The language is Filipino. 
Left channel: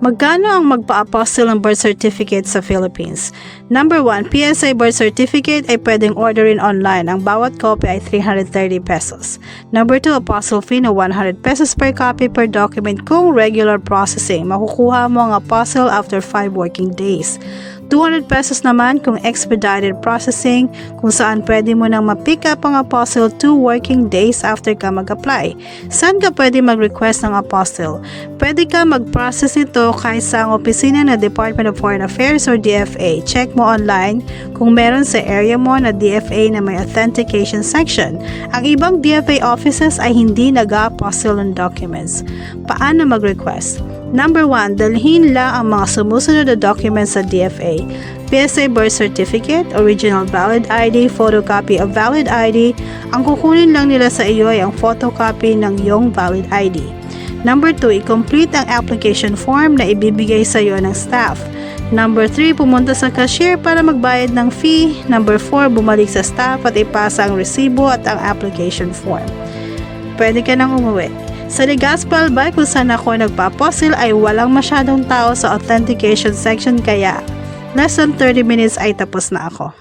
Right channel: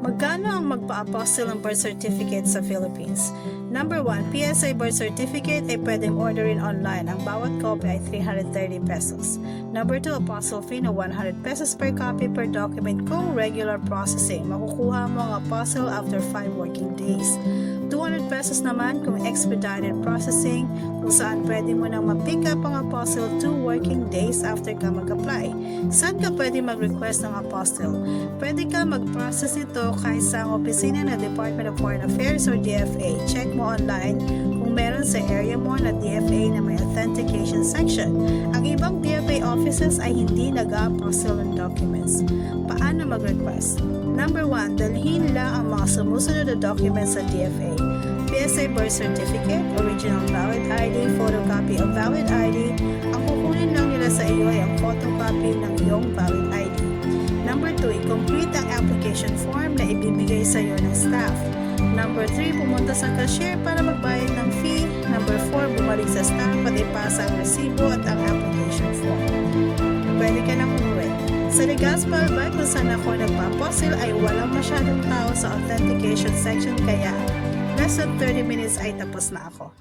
Magkano ang magpa-apostille ng birth certificate sa Philippines? Number 1, PSA birth certificate ay pwedeng orderin online. Ang bawat copy ay 330 pesos. Number 2, apostille fee na 100 pesos per copy per document kung regular processing. Makukuha mo ang apostille after 5 working days. 200 pesos naman kung expedited processing, kung saan pwede mo nang ma-pick up ang apostille 2 working days after ka mag-apply. Saan ka pwede mag-request ng apostille? Pwede ka mag-process ito kahit sa ang opisina na Department of Foreign Affairs or DFA. Check mo online kung meron sa area mo na DFA na may authentication section. Ang ibang DFA offices ay hindi nag-apostille ng documents. Paano mag-request? Number 1, dalhin lang ang mga sumusunod na documents sa DFA. PSA birth certificate, original valid ID, photocopy of valid ID. Ang kukunin lang nila sa iyo ay ang photocopy ng iyong valid ID. Number 2, i-complete ang application form na ibibigay sa iyo ng staff. Number 3, pumunta sa cashier para magbayad ng fee. Number 4, bumalik sa staff at ipasa ang resibo at ang application form. Pwede ka nang umuwi. Sa Legazpi Albay kung saan ako nagpa-apostille ay walang masyadong tao sa authentication section kaya less than 30 minutes ay tapos na ako.